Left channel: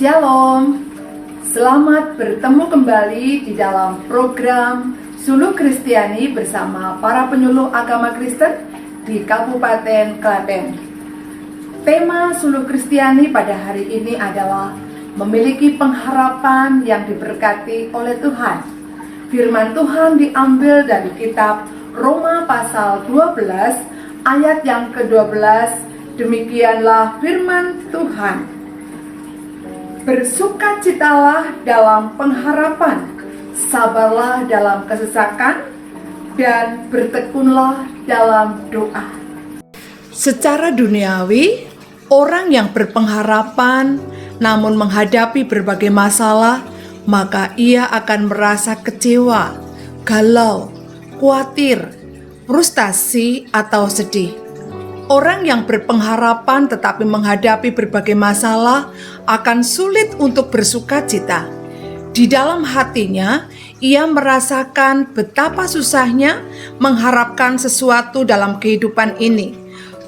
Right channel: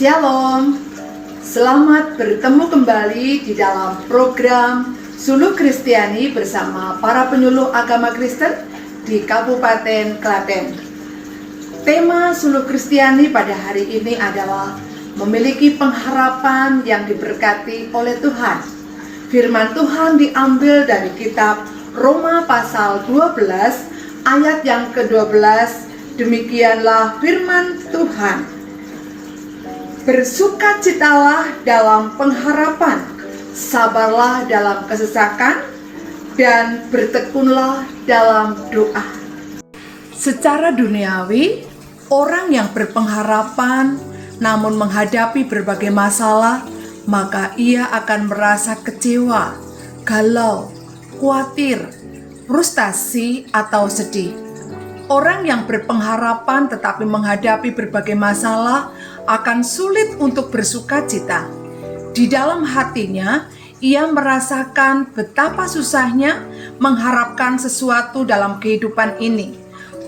Shalom, selamat bertemu kembali di dalam program Suluh Kristiani bersama para penyuluh agama Kristen di Kabupaten Klaten. Tema Suluh Kristiani pada hari ini adalah memiliki pengharapan yang diberkati oleh Tuhan. Firman Tuhan diambil dari kitab Roma pasal 12 ayat yang ke-12. Demikianlah firman Tuhan. Bersukacitalah dalam pengharapan, sabarlah dalam kesesakan, dan bertekunlah dalam doa. Secara duniawi, orang yang berpengharapan namun menghadapi berbagai masalah, maka ia akan merasa kecewa, galau, khawatir, frustasi, atau sedih. Orang yang berpengharapan tetapi menghadapi berbagai masalah akan sulit untuk bersukacita. Di dalam hatinya, ia merasakan betapa susahnya mengharapkan sesuatu dalam kehidupan ini.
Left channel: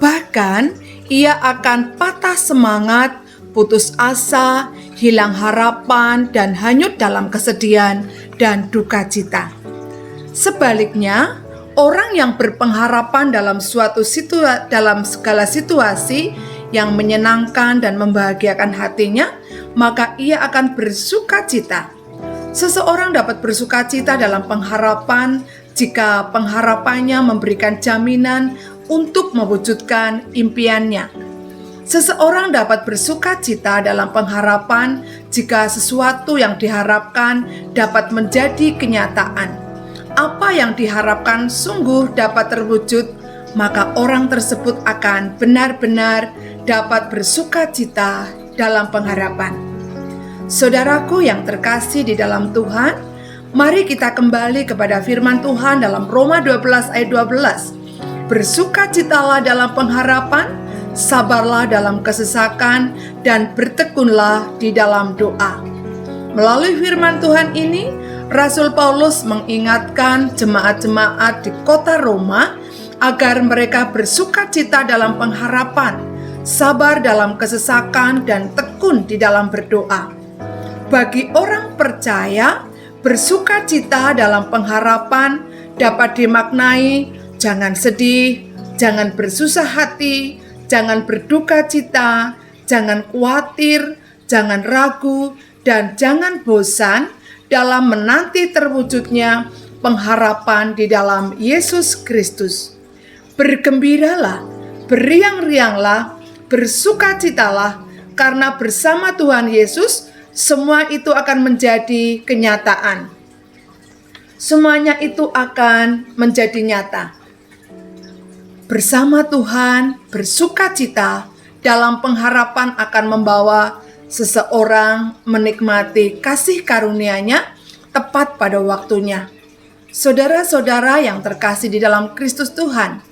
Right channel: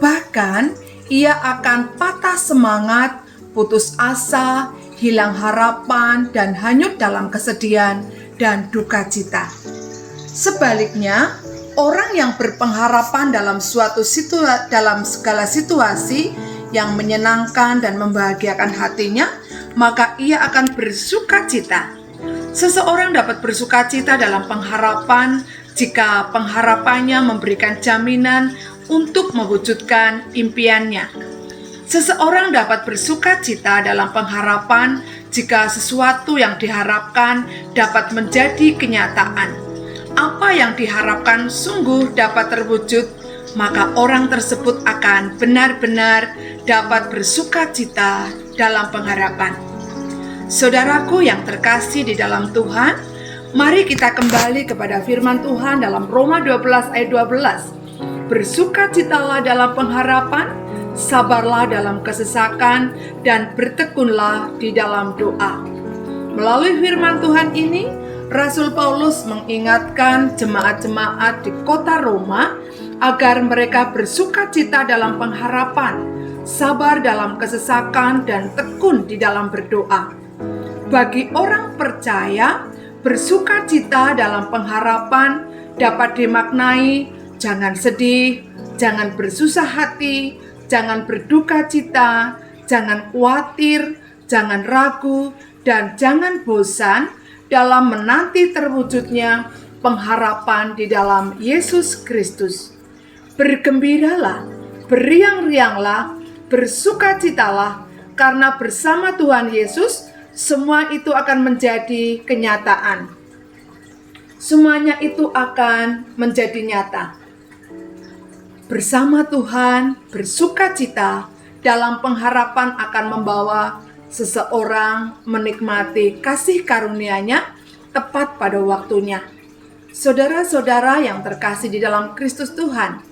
Bahkan, ia akan patah semangat, putus asa, hilang harapan, dan hanyut dalam kesedihan dan duka cita. Sebaliknya, orang yang berpengharapan dalam dalam segala situasi yang menyenangkan dan membahagiakan hatinya, maka ia akan bersukacita. Seseorang dapat bersukacita dalam pengharapan jika pengharapannya memberikan jaminan untuk mewujudkan impiannya. Seseorang dapat bersukacita dalam pengharapan jika sesuatu yang diharapkan dapat menjadi kenyataan. Apa yang diharapkan sungguh dapat terwujud, maka orang tersebut akan benar-benar dapat bersukacita dalam pengharapan. Saudaraku yang terkasih di dalam Tuhan, mari kita kembali kepada firman Tuhan dalam Roma 12 ayat 12. Bersukacitalah dalam pengharapan, sabarlah dalam kesesakan, dan bertekunlah di dalam doa. Melalui firman Tuhan ini, Rasul Paulus mengingatkan jemaat-jemaat di kota Roma agar mereka bersukacita dalam pengharapan, sabar dalam kesesakan, dan tekun di dalam berdoa. Bagi orang percaya, bersukacita dalam pengharapan dapat dimaknai jangan sedih, jangan bersusah hati, jangan berduka cita, jangan khawatir, jangan ragu, dan jangan bosan dalam menanti terwujudnya pengharapan di dalam Yesus Kristus. Bergembiralah, beriang-rianglah, bersukacitalah, karena bersama Tuhan Yesus semua itu akan menjadi kenyataan. Semuanya itu akan menjadi nyata. Bersama Tuhan, bersukacita dalam pengharapan akan membawa seseorang menikmati kasih karunia-Nya tepat pada waktunya. Saudara-saudara yang terkasih di dalam Kristus Tuhan,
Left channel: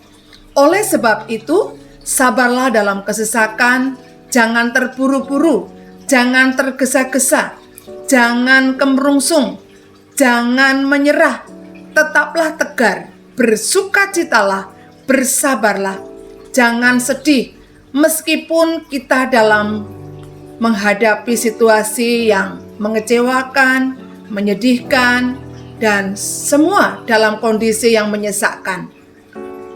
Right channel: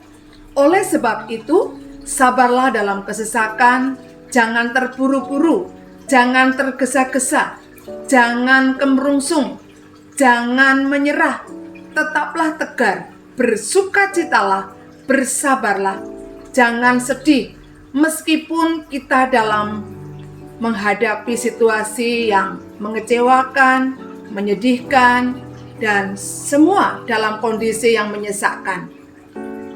oleh sebab itu, sabarlah dalam kesesakan, jangan terburu-buru, jangan tergesa-gesa, jangan kemerungsung, jangan menyerah, tetaplah tegar, bersukacitalah, bersabarlah, jangan sedih, meskipun kita dalam menghadapi situasi yang mengecewakan, menyedihkan, dan semua dalam kondisi yang menyesakkan.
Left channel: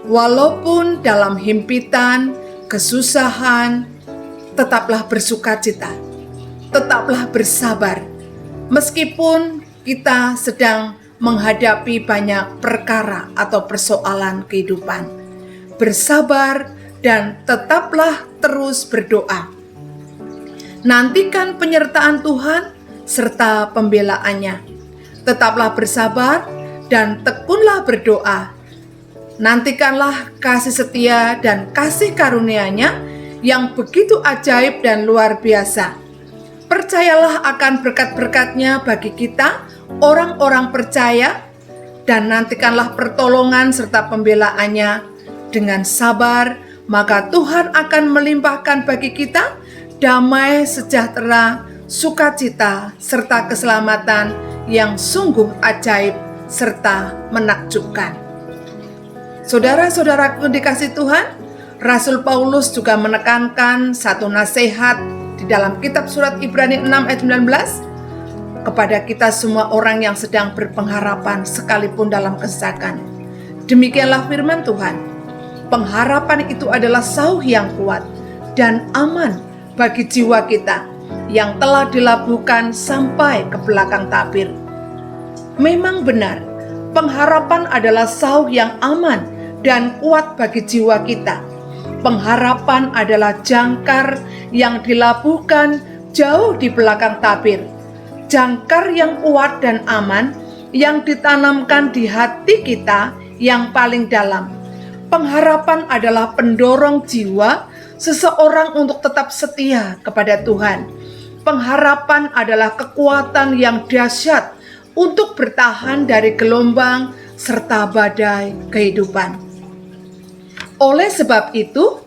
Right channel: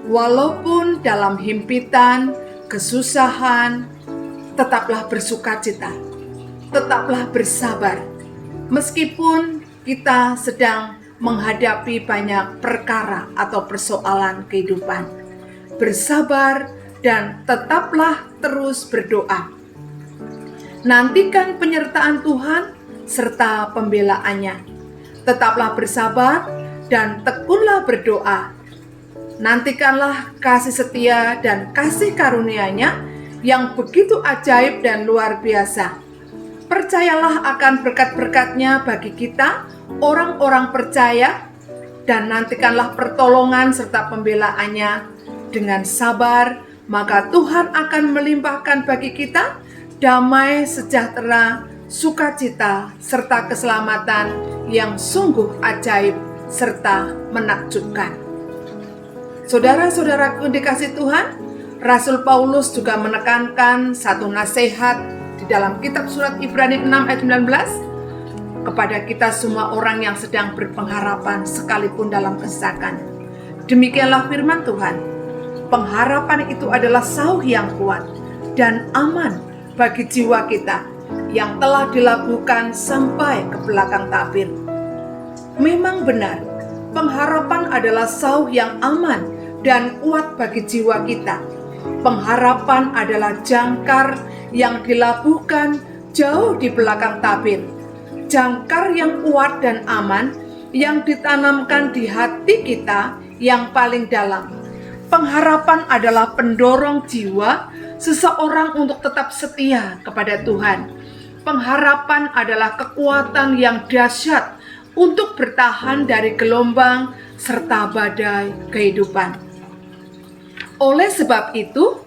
Walaupun dalam himpitan, kesusahan, tetaplah bersukacita, tetaplah bersabar. Meskipun kita sedang menghadapi banyak perkara atau persoalan kehidupan, bersabar dan tetaplah terus berdoa. Nantikan penyertaan Tuhan serta pembelaannya. Tetaplah bersabar dan tekunlah berdoa. Nantikanlah kasih setia dan kasih karunia-Nya yang begitu ajaib dan luar biasa. Percayalah akan berkat-berkat-Nya bagi kita, orang-orang percaya, dan nantikanlah pertolongan serta pembelaannya dengan sabar, maka Tuhan akan melimpahkan bagi kita damai, sejahtera, sukacita, serta keselamatan yang sungguh ajaib serta menakjubkan. Saudara-saudaraku dikasih Tuhan, Rasul Paulus juga menekankan satu nasihat di dalam kitab surat Ibrani 6 ayat 19, kepada kita semua orang yang sedang berpengharapan sekalipun dalam kesesakan. Demikianlah firman Tuhan. Pengharapan itu adalah sauh yang kuat dan aman bagi jiwa kita yang telah dilabuhkan sampai ke belakang tabir. Memang benar, pengharapan adalah sauh yang aman dan kuat bagi jiwa kita. Pengharapan adalah jangkar yang dilabuhkan jauh di belakang tabir. Jangkar yang kuat dan aman yang ditanamkan di hati kita yang paling dalam. Pengharapan adalah pendorong jiwa seseorang untuk tetap setia kepada Tuhan. Pengharapan adalah kekuatan yang dahsyat untuk bertahan dari gelombang serta badai kehidupan. Oleh sebab itu,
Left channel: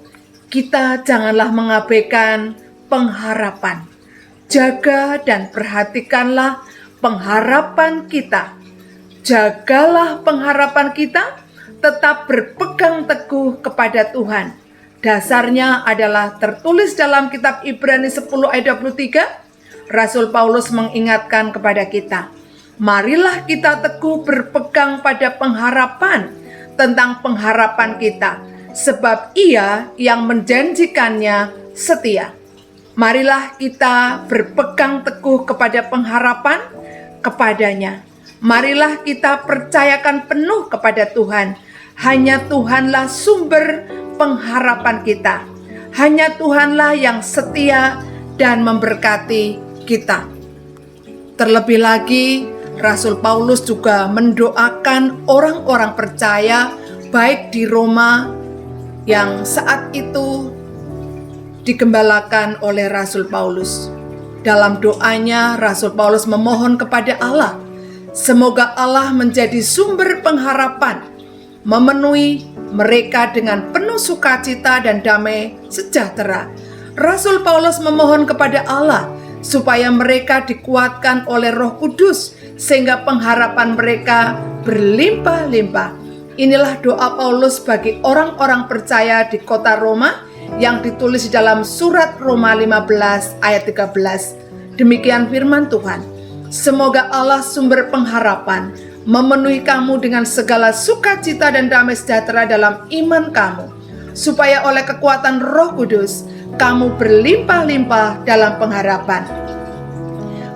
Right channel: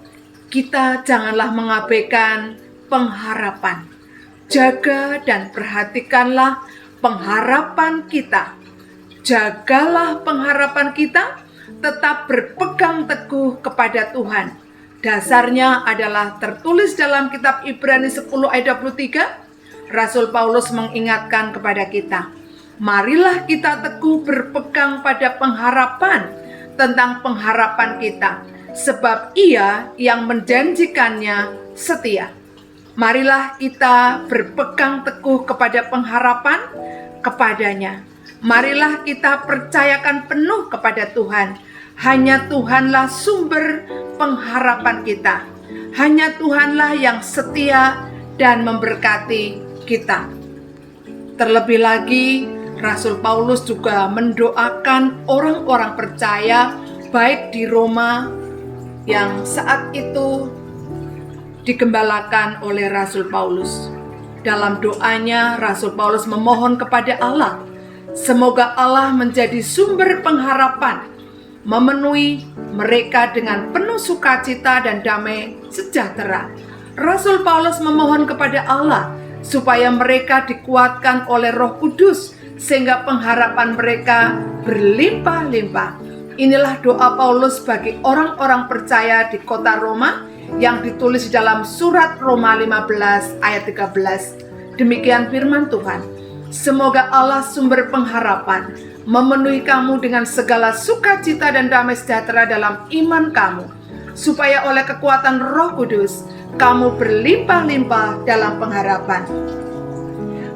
kita janganlah mengabaikan pengharapan. Jaga dan perhatikanlah pengharapan kita. Jagalah pengharapan kita, tetap berpegang teguh kepada Tuhan. Dasarnya adalah tertulis dalam kitab Ibrani 10 ayat 23. Rasul Paulus mengingatkan kepada kita, marilah kita teguh berpegang pada pengharapan tentang pengharapan kita, sebab Ia yang menjanjikannya setia. Marilah kita berpegang teguh kepada pengharapan kepadanya. Marilah kita percayakan penuh kepada Tuhan. Hanya Tuhanlah sumber pengharapan kita. Hanya Tuhanlah yang setia dan memberkati kita. Terlebih lagi, Rasul Paulus juga mendoakan orang-orang percaya baik di Roma yang saat itu digembalakan oleh Rasul Paulus. Dalam doanya, Rasul Paulus memohon kepada Allah, semoga Allah menjadi sumber pengharapan, memenuhi mereka dengan penuh sukacita dan damai sejahtera. Rasul Paulus memohon kepada Allah supaya mereka dikuatkan oleh Roh Kudus sehingga pengharapan mereka berlimpah-limpah. Inilah doa Paulus bagi orang-orang percaya di kota Roma yang ditulis dalam surat Roma 15 ayat 13. Demikian firman Tuhan. Semoga Allah sumber pengharapan memenuhi kamu dengan segala sukacita dan damai sejahtera dalam iman kamu, supaya oleh kekuatan Roh Kudus kamu berlimpah-limpah dalam pengharapan.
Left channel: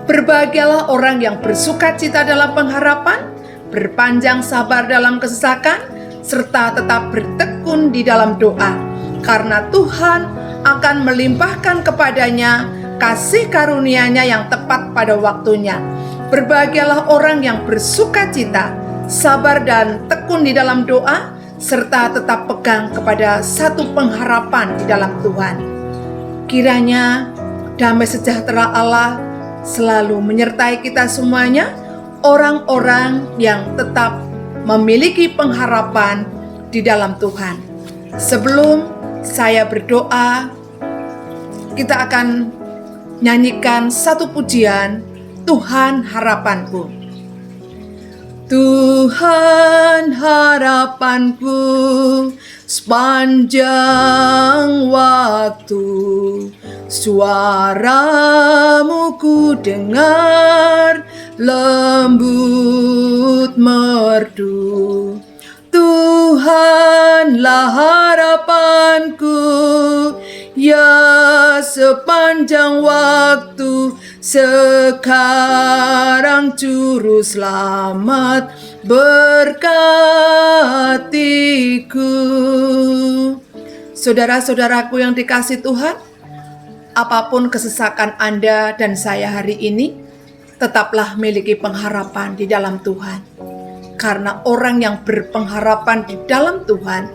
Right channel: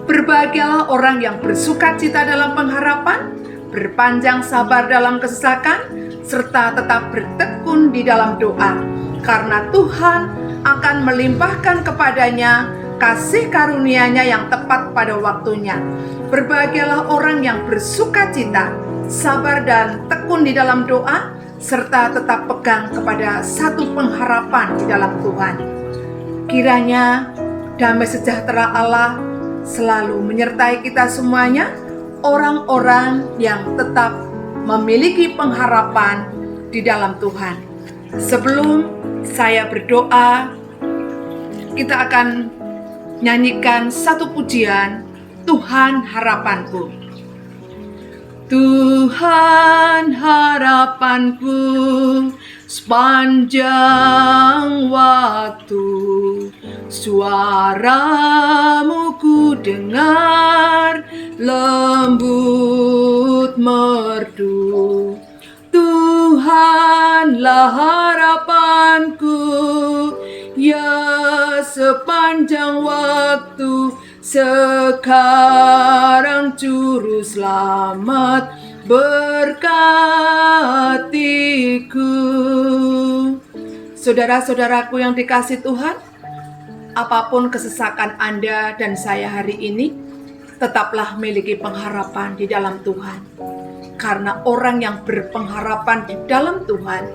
Berbahagialah orang yang bersukacita dalam pengharapan, berpanjang sabar dalam kesesakan, serta tetap bertekun di dalam doa, karena Tuhan akan melimpahkan kepadanya kasih karunia-Nya yang tepat pada waktunya. Berbahagialah orang yang bersukacita, sabar dan tekun di dalam doa, serta tetap pegang kepada satu pengharapan di dalam Tuhan. Kiranya damai sejahtera Allah selalu menyertai kita semuanya, orang-orang yang tetap memiliki pengharapan di dalam Tuhan. Sebelum saya berdoa, kita akan nyanyikan satu pujian, Tuhan harapanku. Tuhan harapanku sepanjang waktu, suaramu ku dengar lembut merdu. Tuhanlah harapanku, ya sepanjang waktu, sekarang juru selamat berkatiku. Saudara-saudaraku yang dikasihi Tuhan, apapun kesesakan Anda dan saya hari ini, tetaplah miliki pengharapan di dalam Tuhan. Karena orang yang berpengharapan di dalam Tuhan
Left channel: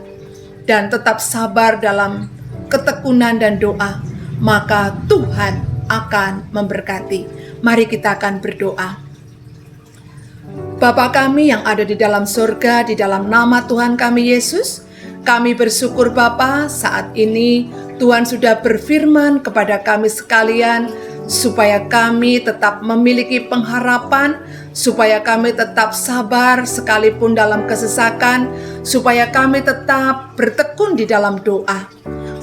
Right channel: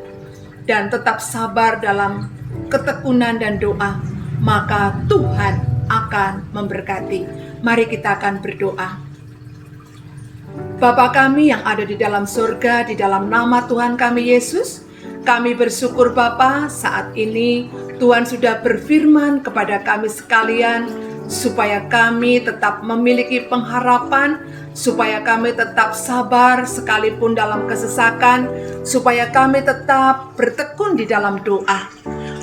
dan tetap sabar dalam ketekunan dan doa, maka Tuhan akan memberkati. Mari kita akan berdoa. Bapa kami yang ada di dalam surga, di dalam nama Tuhan kami Yesus, kami bersyukur Bapa, saat ini Tuhan sudah berfirman kepada kami sekalian, supaya kami tetap memiliki pengharapan, supaya kami tetap sabar sekalipun dalam kesesakan, supaya kami tetap bertekun di dalam doa.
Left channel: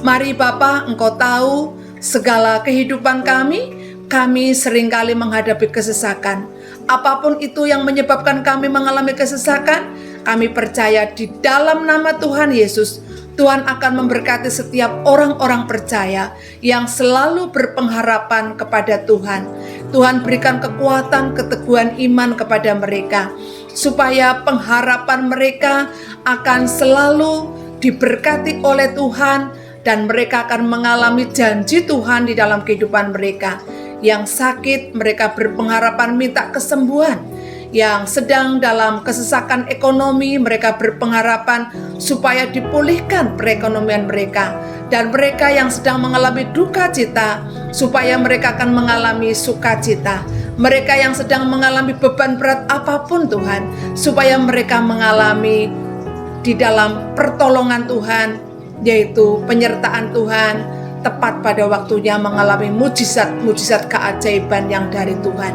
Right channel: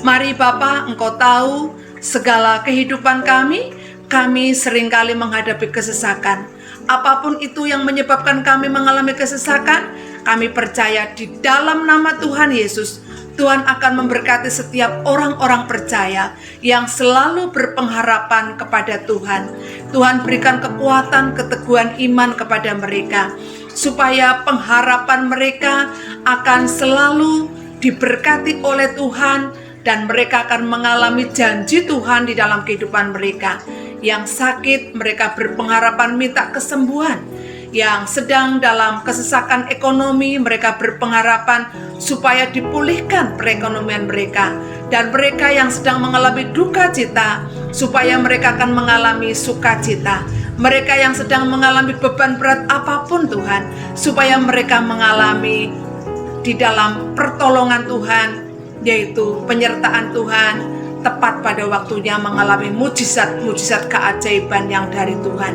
Mari Bapa, Engkau tahu Segala kehidupan kami seringkali menghadapi kesesakan. Apapun itu yang menyebabkan kami mengalami kesesakan, kami percaya di dalam nama Tuhan Yesus, Tuhan akan memberkati setiap orang-orang percaya yang selalu berpengharapan kepada Tuhan. Tuhan berikan kekuatan, keteguhan iman kepada mereka, supaya pengharapan mereka akan selalu diberkati oleh Tuhan, dan mereka akan mengalami janji Tuhan di dalam kehidupan mereka. Yang sakit, mereka berpengharapan minta kesembuhan. Yang sedang dalam kesesakan ekonomi, mereka berpengharapan supaya dipulihkan perekonomian mereka. Dan mereka yang sedang mengalami duka cita, supaya mereka akan mengalami sukacita. Mereka yang sedang mengalami beban berat apapun Tuhan, supaya mereka mengalami di dalam pertolongan Tuhan, yaitu penyertaan Tuhan, tepat pada waktunya mengalami mujizat-mujizat keajaiban yang dari Tuhan.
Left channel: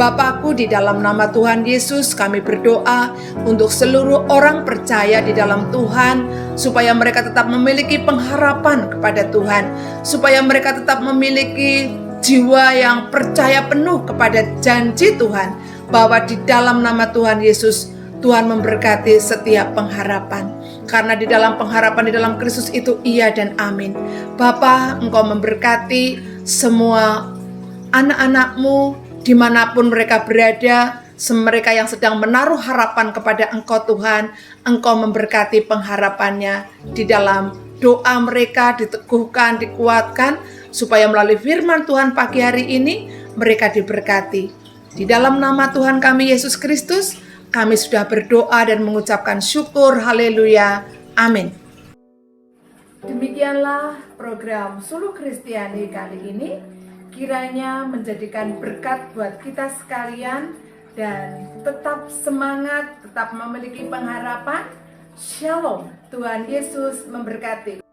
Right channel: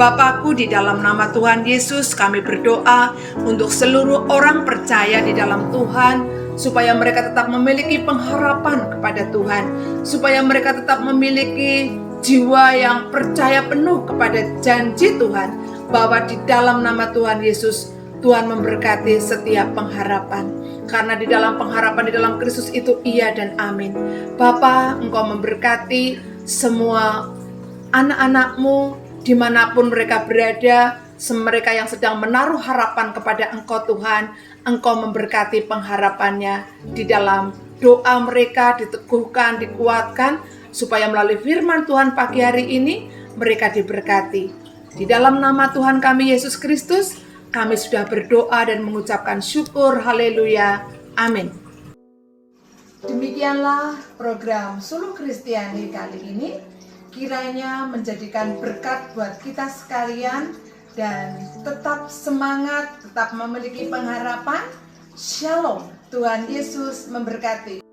Bapakku, di dalam nama Tuhan Yesus kami berdoa untuk seluruh orang percaya di dalam Tuhan, supaya mereka tetap memiliki pengharapan kepada Tuhan, supaya mereka tetap memiliki jiwa yang percaya penuh kepada janji Tuhan, bahwa di dalam nama Tuhan Yesus Tuhan memberkati setiap pengharapan. Karena di dalam pengharapan di dalam Kristus itu iya dan amin. Bapa, Engkau memberkati semua anak-anak-Mu dimanapun mereka berada, mereka yang sedang menaruh harapan kepada Engkau Tuhan. Engkau memberkati pengharapannya di dalam doa mereka, diteguhkan, dikuatkan, supaya melalui firman Tuhan pagi hari ini mereka diberkati. Di dalam nama Tuhan kami Yesus Kristus, kami sudah berdoa dan mengucapkan syukur, haleluya, amin. Demikianlah program Suluh Kristiani kali ini. Kiranya menjadikan berkat buat kita sekalian, dan tetap semangat, tetap memiliki pengharapan. Shalom, Tuhan Yesus memberkati.